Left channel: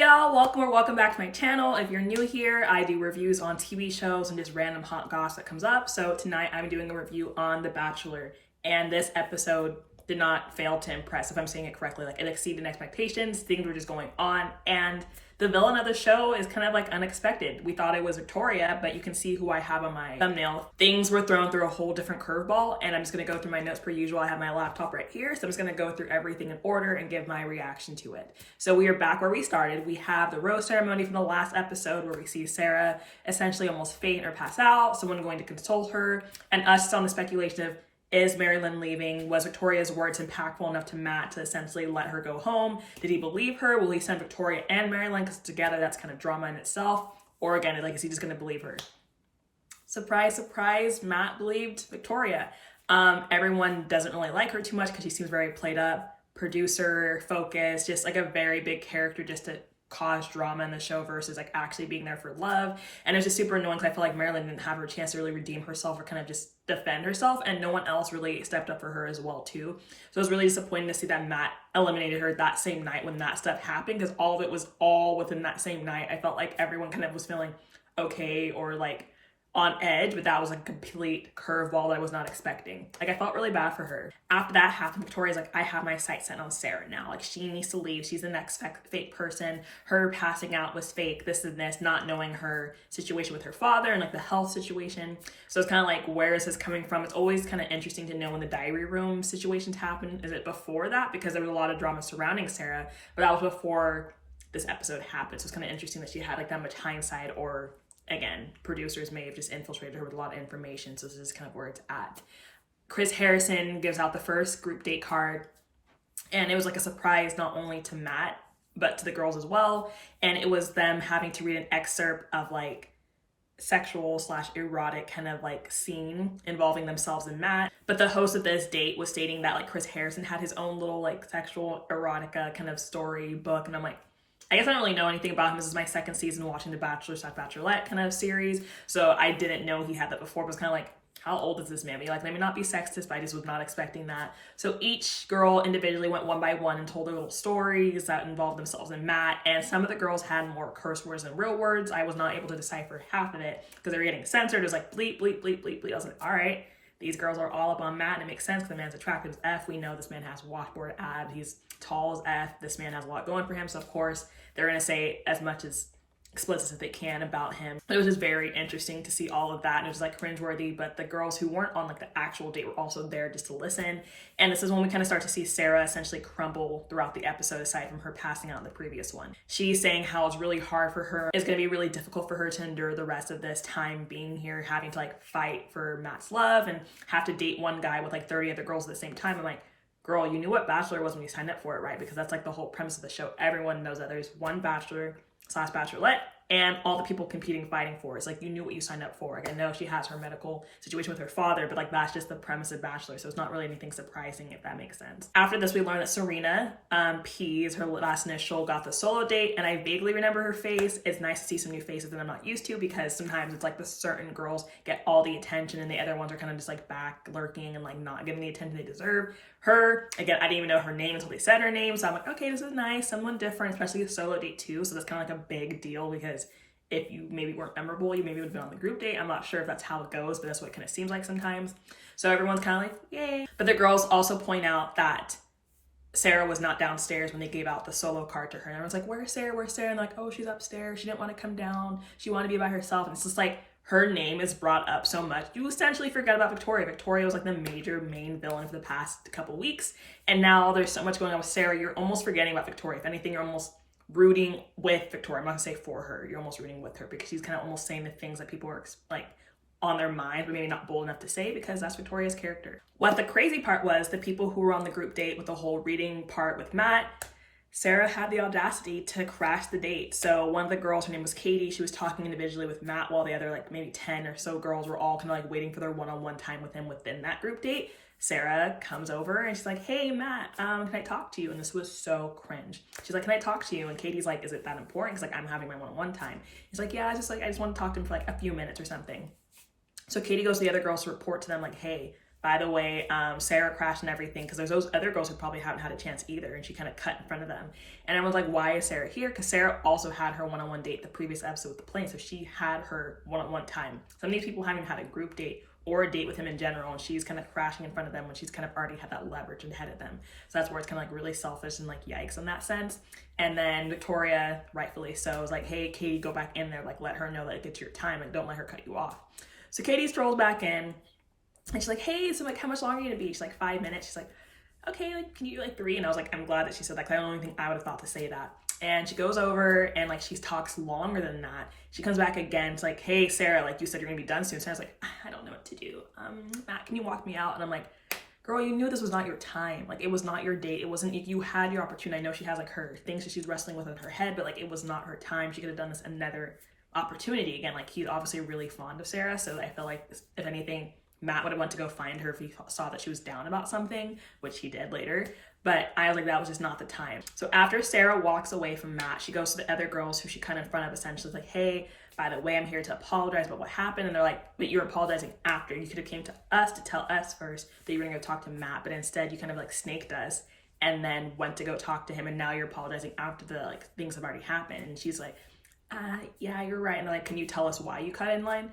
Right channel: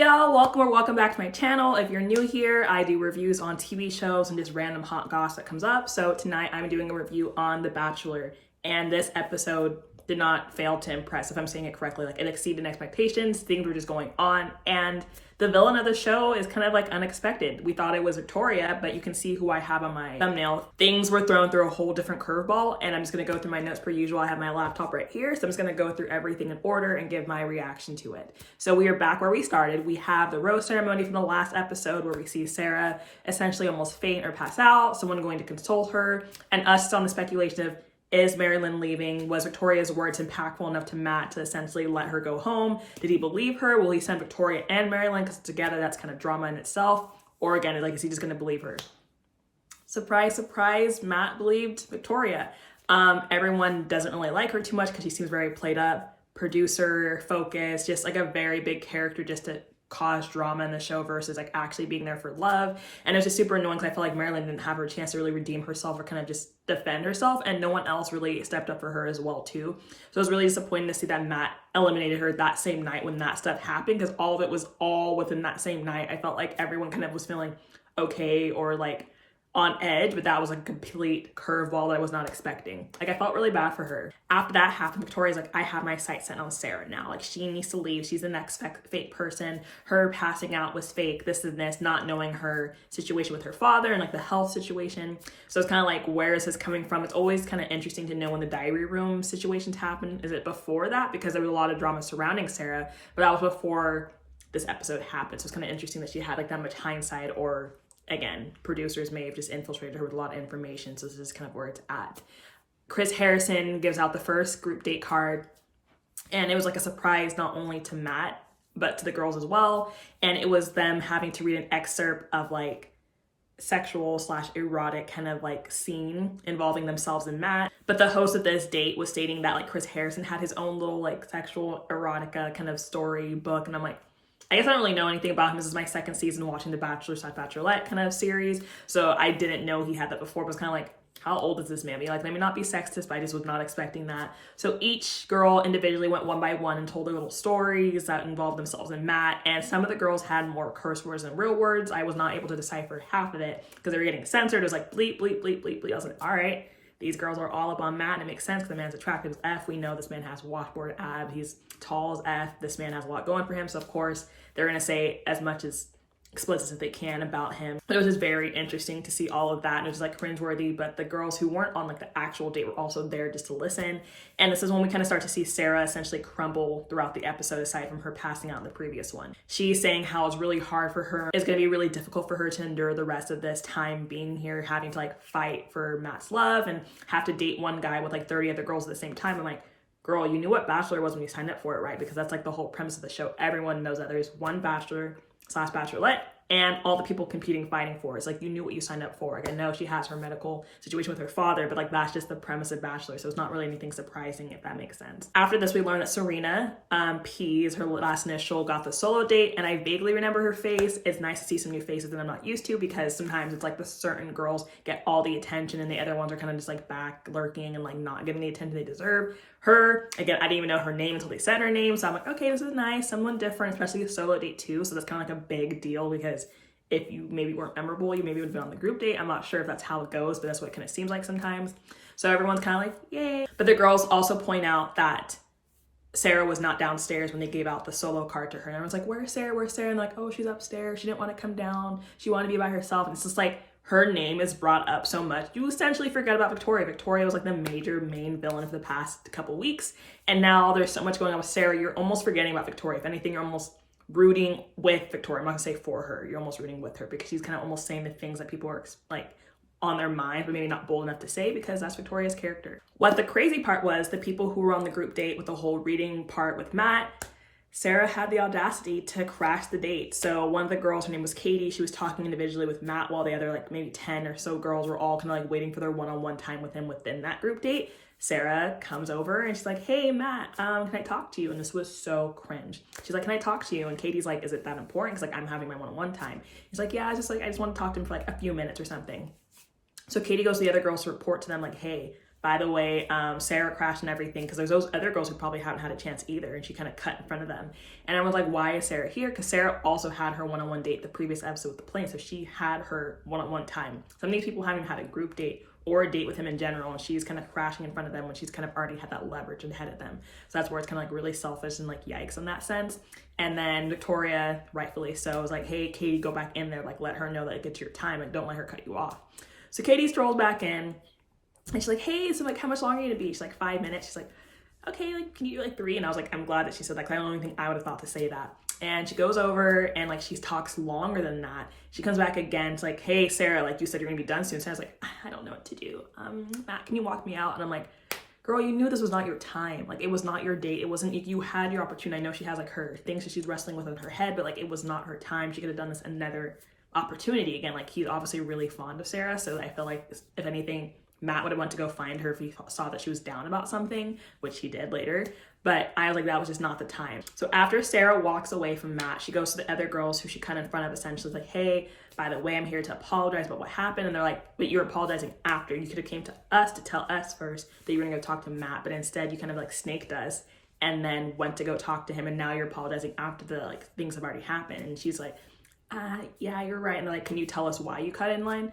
Hey y'all, welcome back to my channel. If you're new here, I do reviews on TV shows and just random hot goss that comes up. So tonight I'm doing a review on The Bachelor, and this episode did not fail to impress, if I'm saying it correctly. Like, it exceeded expectations, things were just going on, and the villain of the show is kind of like unexpected. We thought it was Victoria, but you can see who I have on my thumbnail. Things were thrown through a whole different curveball, and I'm just gonna go through my notes per usual. I have my laptop right here, so I'm just gonna go through everything in order and give my reaction to it. So we are back where we started. We have the rose ceremony from the last episode where we see Sarah essentially almost faint or pass out, someone going to console her, and us on the speculation of, is Marilyn leaving? Was Victoria's words impactful enough to Matt to essentially let her go home? Did he believe her? Will he send Victoria and Marilyn? Because together that's kind of drama in itself. Or again, like, is he just going to believe her? Surprise, surprise, Matt believed Victoria. Everyone doesn't really like her too much because she seems very played up, producer focused, just like a very big character just to cause drama in the show versus like actually being there for love. And it's just super annoying because I feel like Marilyn didn't have her chance to really redeem herself or kind of just defend herself, and no one else really stepped up for her as well too. So it was really disappointing to see that Matt eliminated her that same night when that stuff happened, because all of it was all within that same night. I felt like everyone kind of was feeling okay or like on edge, but that was like a complete curveball that I was not expecting. Like, I felt really bad for her. After that happened, Victoria's like, I have my sights set on Sarah now. Like, she needs to leave. She's the next fake person. Her passing out was fake. This and this, not knowing her situation with her father and like the health situation. So it's kind of like, where is this coming from? It's always kind of interesting to know when the diary room situations happen. Is it before that? Because there was a lot of drama surrounding Sarah, but that was before this episode happened. So it's kind of interesting that she had like that much hindsight, or again, producers may have just infiltrated her with a lot of information. So this is kind of where it's at. Chris Harrison gives out the first group date card, and it was like a surprise not only to Matt, but to the girls as well. And it was them having to read an excerpt of like sexual/erotic kind of like scene involving themselves and Matt. But the host of this date was stating that like Chris Harrison had his own little like sexual erotica kind of story book. And I'm like, I guess I don't really know anything about him. This is my second season watching the Bachelor/Bachelorette kind of series. So I didn't know he had that before, but it's kind of like, how old is this man? Like, let me not be sexist, but I just was not expecting that. So each girl individually went one by one and told their little stories that involved themselves and Matt. And some of the girls had more curse words than real words. I was not able to decipher half of it because they were getting censored. It was like bleep, bleep, bleep, bleep, bleep. I was like, all right, these girls are all up on Matt, and it makes sense because the man's attractive as F. We know this man has washboard abs. He's tall as F. This man has a lot going for him. So of course they're going to say as much as explicit as they can about him. But it was just very interesting to see all of that, and it was like cringeworthy. But the girls who weren't on like the actual date were also there just to listen. And this is when we kind of start to see Sarah essentially crumble throughout the episode, aside from her passing out in the previous one. She's saying how it's really hard for her. It's going to be really difficult for her to endure the rest of this time being here, having to like fight for Matt's love and have to date one guy with like 30 other girls at the same time. I'm like, girl, you knew what Bachelor was when you signed up for it, right? Because that's like the whole premise of the show. Everyone knows that there's one Bachelor/Bachelorette, and all the people competing, fighting for it. It's like, you knew what you signed up for. Like, I know she has her medical situation with her father, but like, that's just the premise of Bachelor. So it's not really anything surprising, if that makes sense. After this, we learned that Serena, P is her last initial, got the solo date, and I vaguely remember her face. It's nice to see some new faces that I'm not used to, because sometimes it's like the certain girls get all the attention and the other ones are kind of just like back lurking and like not getting the attention they deserve. Her, again, I didn't even know her name until they said her name. So I'm like, okay, this is nice, someone different, especially a solo date too. So that's kind of like a big deal, because if you maybe weren't memorable, you maybe would have been on the group date. I'm not sure if that's how it goes, but that's what it kind of seems like sometimes. So everyone's kind of like, yay. But the girls also point out that Sarah was not downstairs when they gave out the solo card to her. And everyone's like, where's Sarah? Where's Sarah? And like, oh, she's upstairs. She didn't want to come down. She wanted to be by herself. And it's just like, her name is brought up so much. You essentially forget about Victoria. Victoria was like the main villain for the past couple weeks. And now there's so much going on with Sarah. You're almost forgetting about Victoria. If anything, you're almost rooting with Victoria. I'm not gonna say for her. You're almost rooting with her, because she's kind of almost saying the things that people are like on their mind, but maybe not bold enough to say, because that's Victoria's character. What the crazy part was, the people who were on the group date with the whole reading part with Matt, Sarah had the audacity to crash the date. So one of the girls, her name was Katie, she was talking individually with Matt, while the other like maybe 10 or so girls were all kind of like waiting for their one-on-one time with him within that group date. Sarah comes over and she's like, hey Matt, can I talk to you? And this was so cringe. She's like, can I talk to you? And Katie's like, is it that important? Because like, I'm having my one-on-one time. He's like, yeah, I just want to talk to him for like a few minutes or something. So Katie goes to the other girls to report to them like, hey, by the way, Sarah crashed and everything, because there's those other girls who probably haven't had a chance either, and she kind of cut in front of them. And everyone's like, why is Sarah here? Because Sarah also had her one-on-one date the previous episode with the plane, so she had her one-on-one time. Some of these people haven't had a group date or a date with him in general, and she's kind of crashing in front of them when she's kind of already had that leverage ahead of them. So that's where it's kind of like really selfish and like yikes in that sense. And then Victoria, rightfully so, was like, hey, Katie, go back in there, like let her know that it gets your time, like don't let her cut you off. So Katie strolls back in, and she's like, hey, so like how much longer are you gonna be? She's like, 5 minutes. She's like, okay, like can you do like 3? And I was like, I'm glad that she said that, because I don't even think I would have thought to say that. And she goes over and like she talks longer than that. She comes back again. It's like, hey, Sarah, like you said you're gonna be done soon. So I was like, I don't know what to do. Matt, can you walk me out? And I'm like, girl, you knew this was not your time. Like it was not your date. It wasn't, you had your opportunity. I know she has like her things that she's wrestling with in her head, but like it was not her time. She could have done this another opportunity. Again, like he's obviously really fond of Sarah. So I feel like if anything, Matt would have went to go find her if he saw that she was down about something, which he did later. But I was like, that was just not the time. So after Sarah walks away from Matt, she goes to the other girls who she cut in front of, essentially like, hey, by the way, I'm here to apologize about what happened. And they're like, but you're apologizing after. You could have came to us to tell us first that you were gonna go talk to Matt, but instead you kind of like snaked us and then went to go talk to him. And now you're apologizing after the like things have already happened. And she's like, yeah, you're right. And they're like, can you tell us why you cut in line?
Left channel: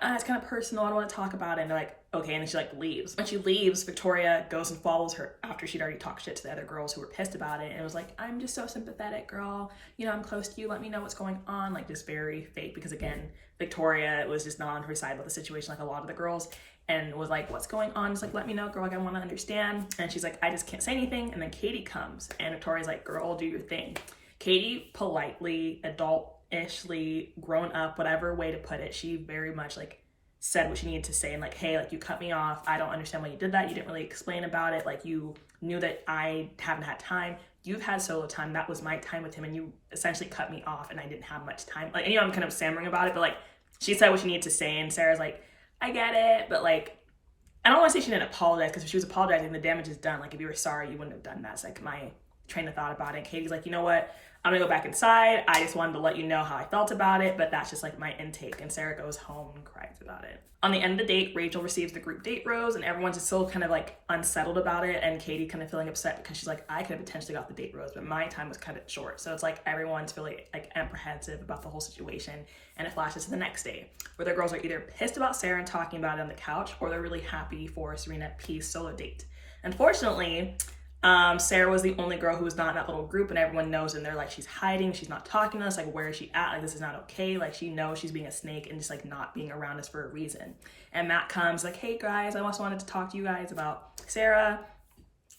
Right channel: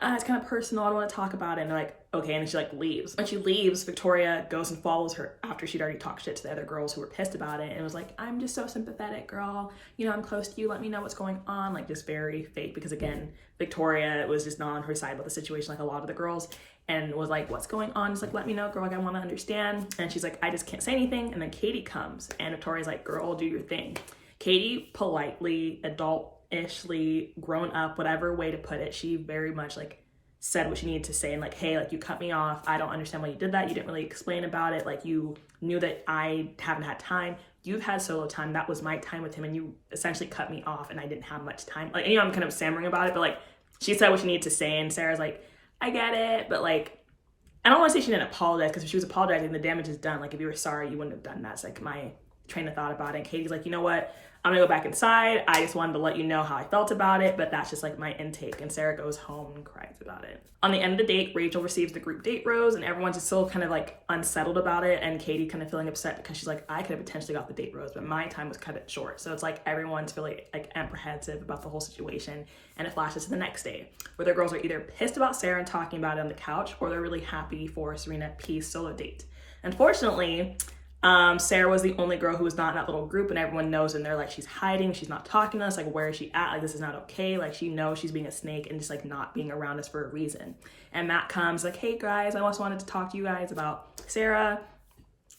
It's kind of personal. I don't want to talk about it. And they're like, okay. And then she like leaves. When she leaves, Victoria goes and follows her after she'd already talked shit to the other girls who were pissed about it. And it was like, I'm just so sympathetic, girl. You know, I'm close to you. Let me know what's going on. Like just very fake, because again, Victoria was just not on her side about the situation like a lot of the girls, and was like, what's going on? Just like, let me know, girl. Like I want to understand. And she's like, I just can't say anything. And then Katie comes and Victoria's like, girl, do your thing. Katie politely, adult-ishly, grown up, whatever way to put it, she very much like said what she needed to say, and like, hey, like you cut me off. I don't understand why you did that. You didn't really explain about it. Like you knew that I haven't had time. You've had solo time. That was my time with him, and you essentially cut me off, and I didn't have much time. Like, you know, I'm kind of stammering about it, but like she said what she needed to say, and Sarah's like, I get it, but like I don't want to say she didn't apologize, because if she was apologizing, the damage is done. Like if you were sorry, you wouldn't have done that. It's like my train of thought about it. And Katie's like, you know what? I'm gonna go back inside. I just wanted to let you know how I felt about it, but that's just like my intake. And Sarah goes home and cries about it. On the end of the date, Rachel receives the group date rose, and everyone's just still kind of like unsettled about it. And Katie kind of feeling upset because she's like, I could have potentially got the date rose, but my time was cut short. So it's like everyone's really like apprehensive about the whole situation. And it flashes to the next day, where the girls are either pissed about Sarah and talking about it on the couch, or they're really happy for Serena P's solo date. Unfortunately, Sarah was the only girl who was not in that little group, and everyone knows, and they're like, she's hiding, she's not talking to us, like where is she at, like this is not okay, like she knows she's being a snake and just like not being around us for a reason. And Matt comes like, hey guys, I also wanted to talk to you guys about Sarah.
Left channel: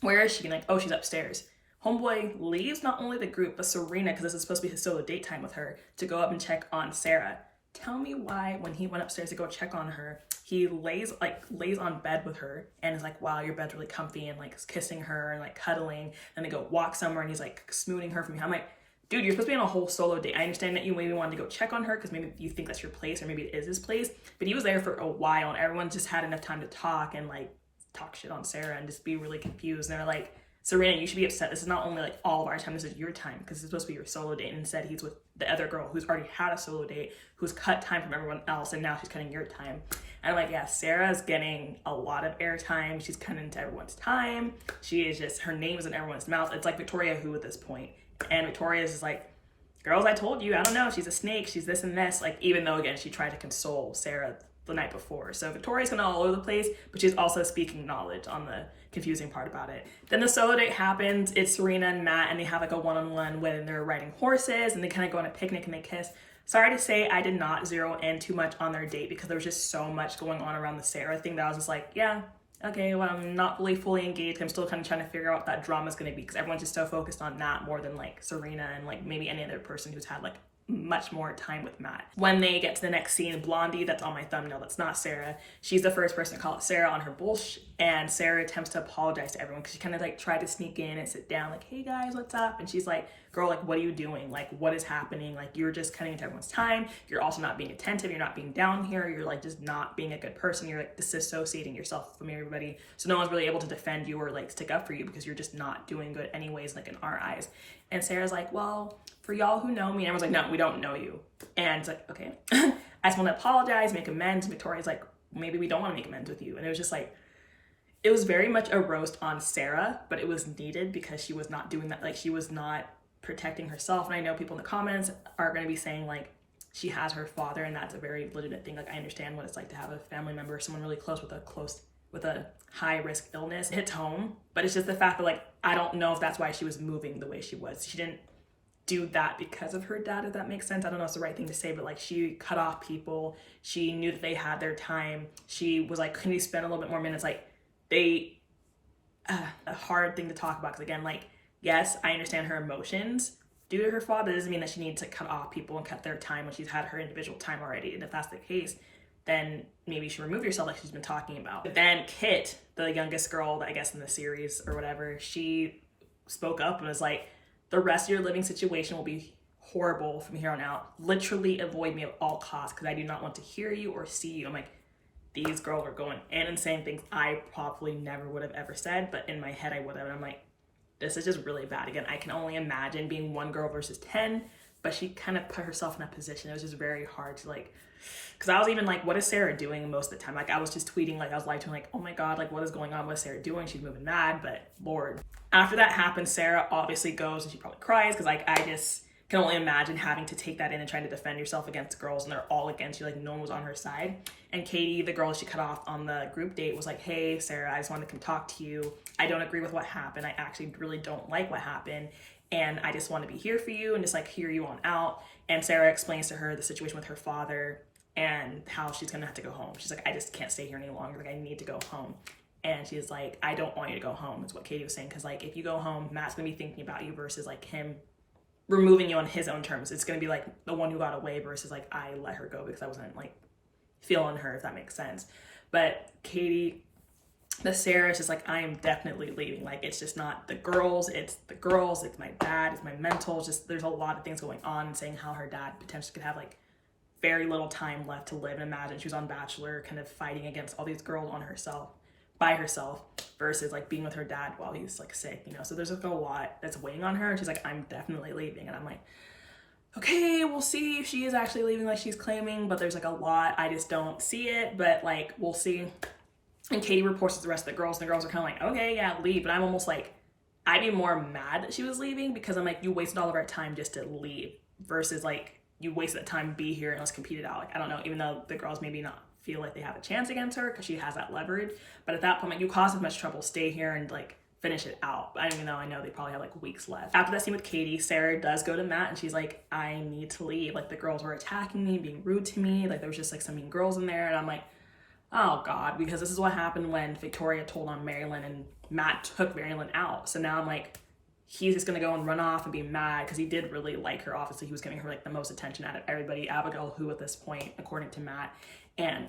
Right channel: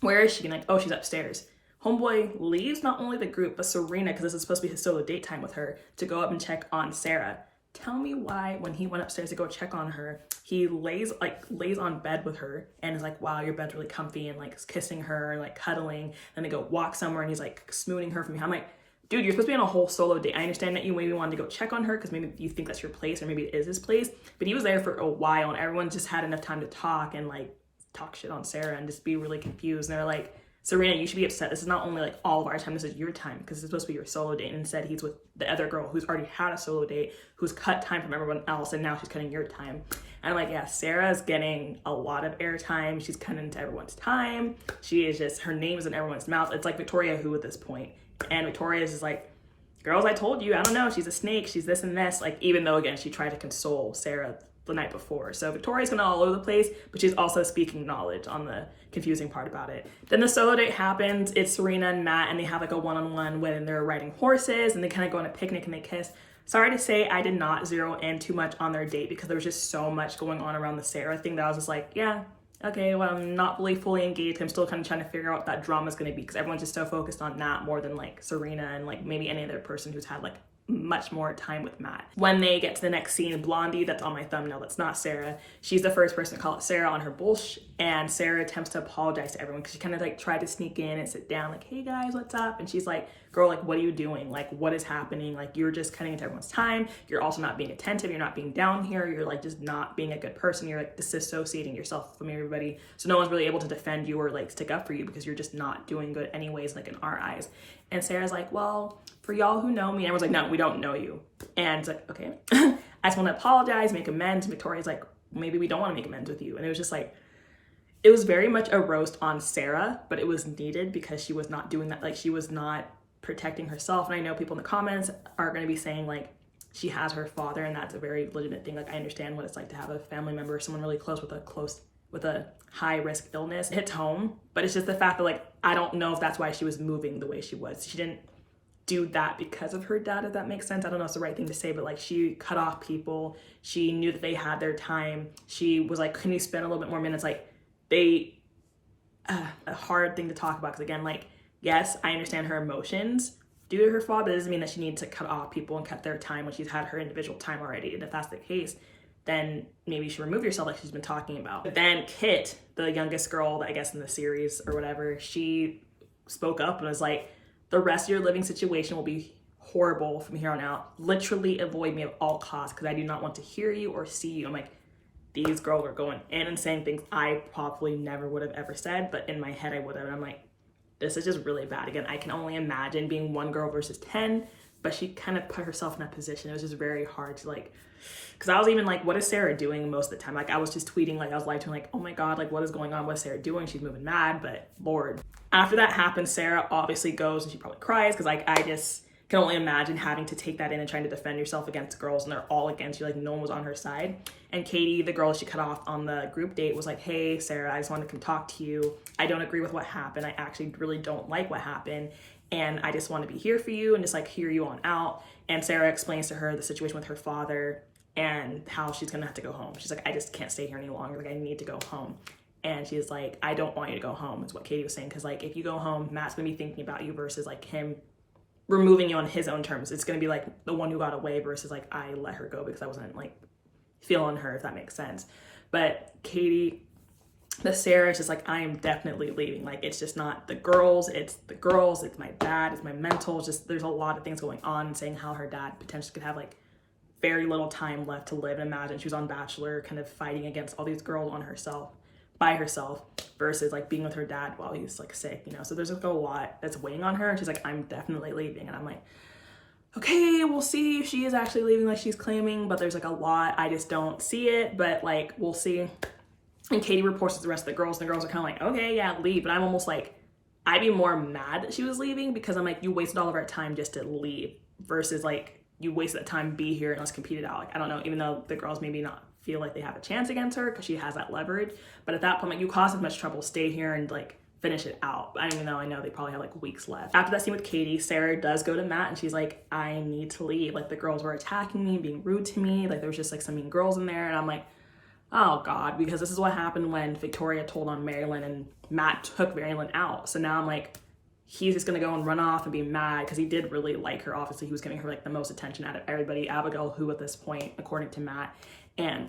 Where is she? And like, oh, she's upstairs. Homeboy leaves not only the group but Serena, because this is supposed to be his solo date time with her, to go up and check on Sarah. Tell me why when he went upstairs to go check on her, he lays on bed with her and is like, wow, your bed's really comfy, and like kissing her and like cuddling. And they go walk somewhere and he's like smooning her from behind. I'm like, dude, you're supposed to be on a whole solo date. I understand that you maybe wanted to go check on her because maybe you think that's your place, or maybe it is his place, but he was there for a while and everyone just had enough time to talk and like talk shit on Sarah and just be really confused. And they're like, Serena, you should be upset. This is not only like all of our time, this is your time, because it's supposed to be your solo date. And instead he's with the other girl who's already had a solo date, who's cut time from everyone else, and now she's cutting your time. And I'm like, yeah, Sarah's getting a lot of airtime. She's cutting into everyone's time. She is just, her name is in everyone's mouth. It's like Victoria who at this point. And Victoria's is like, girls, I told you, I don't know, she's a snake, she's this and this. Like, even though again, she tried to console Sarah the night before. So Victoria's kind of all over the place, but she's also speaking knowledge on the confusing part about it. Then the solo date happens. It's Serena and Matt, and they have like a one-on-one when they're riding horses, and they kind of go on a picnic and they kiss. Sorry to say, I did not zero in too much on their date because there was just so much going on around the Sarah thing that I was just like, yeah, okay, well, I'm not really fully engaged. I'm still kind of trying to figure out what that drama is going to be, because everyone's just so focused on that more than like Serena and like maybe any other person who's had like much more time with Matt. When they get to the next scene, Blondie, that's on my thumbnail, that's not Sarah, she's the first person to call out Sarah on her bullshit, and Sarah attempts to apologize to everyone because she kind of like tried to sneak in and sit down like, hey guys, what's up? And she's like, girl, like what are you doing? Like what is happening? Like you're just cutting into everyone's time. You're also not being attentive. You're not being down here. You're like just not being a good person. You're like disassociating yourself from everybody. So no one's really able to defend you or like stick up for you because you're just not doing good anyways, like in our eyes. And Sarah's like, well, for y'all who know me, and everyone's like, no, we don't know you. And it's like, okay, I just want to apologize, make amends. And Victoria's like, maybe we don't want to make amends with you. And it was just like, it was very much a roast on Sarah, but it was needed because she was not doing that. Like, she was not protecting herself. And I know people in the comments are going to be saying like she has her father, and that's a very legitimate thing. Like, I understand what it's like to have a family member, someone really close with a high risk illness. It hits home, but it's just the fact that like I don't know if that's why she was moving the way she was. She didn't do that because of her dad, if that makes sense. I don't know if it's the right thing to say, but like she cut off people. She knew that they had their time. She was like, can you spend a little bit more minutes? Like, they a hard thing to talk about, because again, like, yes, I understand her emotions due to her father. It doesn't mean that she needs to cut off people and cut their time when she's had her individual time already. And if that's the case, then maybe you should remove yourself, like she's been talking about. But then Kit, the youngest girl, I guess in the series or whatever, she spoke up and was like, the rest of your living situation will be horrible from here on out. Literally avoid me at all costs, because I do not want to hear you or see you. I'm like, these girls are going in and saying things I probably never would have ever said, but in my head I would have. And I'm like, this is just really bad. Again, I can only imagine being one girl versus 10, but she kind of put herself in that position. It was just very hard to like, because I was even like, what is Sarah doing most of the time? Like, I was just tweeting, like I was like, oh my God, like what is going on? What is Sarah doing? She's moving mad, but Lord. After that happens, Sarah obviously goes and she probably cries, because like I just can only imagine having to take that in and trying to defend yourself against girls and they're all against you, like no one was on her side. And Katie, the girl she cut off on the group date, was like, hey Sarah, I just wanted to come talk to you. I don't agree with what happened. I actually really don't like what happened, and I just want to be here for you and just like hear you on out. And Sarah explains to her the situation with her father and how she's gonna have to go home. She's like, I just can't stay here any longer. Like, I need to go home. And she's like, I don't want you to go home, is what Katie was saying. Because like, if you go home, Matt's gonna be thinking about you versus like him removing you on his own terms. It's gonna be like the one who got away versus like I let her go because I wasn't like feeling her, if that makes sense. But Katie, the Sarah is just like, I am definitely leaving. Like, it's just not the girls, it's my dad, it's my mental. Just there's a lot of things going on, and saying how her dad potentially could have like very little time left to live. And imagine she was on Bachelor kind of fighting against all these girls by herself versus like being with her dad while he's like sick, you know. So there's like a lot that's weighing on her, and she's like, I'm definitely leaving. And I'm like, okay, we'll see if she is actually leaving like she's claiming, but there's like a lot, I just don't see it, but like we'll see. And Katie reports to the rest of the girls, and the girls are kind of like, okay, yeah, leave. But I'm almost like, I'd be more mad that she was leaving, because I'm like, you wasted all of our time just to leave versus like you wasted that time, be here and let's compete it out. Like, I don't know, even though the girls maybe not feel like they have a chance against her because she has that leverage, but at that point, like, you caused as much trouble, stay here and like finish it out. I don't even know, I know they probably have like weeks left. After that scene with Katie, Sarah does go to Matt and she's like, I need to leave. Like, the girls were attacking me, being rude to me. Like, there was just like some mean girls in there, and I'm like, oh God, because this is what happened when Victoria told on Marilyn and Matt took Marilyn out. So now I'm like, he's just gonna go and run off and be mad, because he did really like her. Obviously, he was giving her like the most attention out of everybody. Abigail, who at this point, according to Matt, and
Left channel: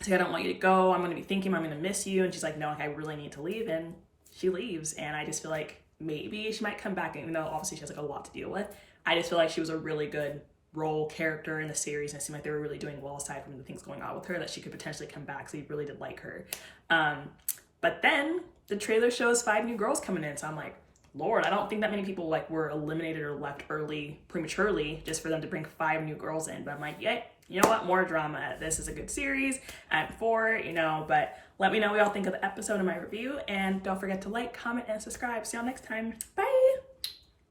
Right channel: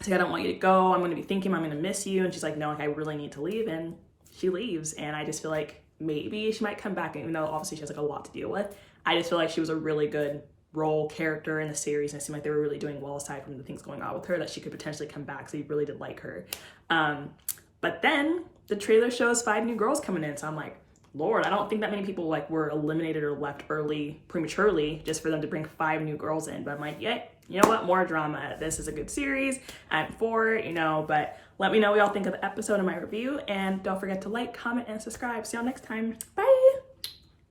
she's like, I don't want you to go. I'm gonna be thinking I'm gonna miss you. And she's like, no, like I really need to leave. And she leaves. And I just feel like maybe she might come back, even though obviously she has like a lot to deal with. I just feel like she was a really good role character in the series, and it seemed like they were really doing well, aside from the things going on with her, that she could potentially come back. So he really did like her. But then the trailer shows 5 new girls coming in. So I'm like, Lord, I don't think that many people like were eliminated or left early prematurely just for them to bring 5 new girls in. But I'm like, yeah, you know what, more drama. This is a good series. I'm for it, you know. But let me know what y'all think of the episode in my review, and don't forget to like, comment, and subscribe. See y'all next time. Bye.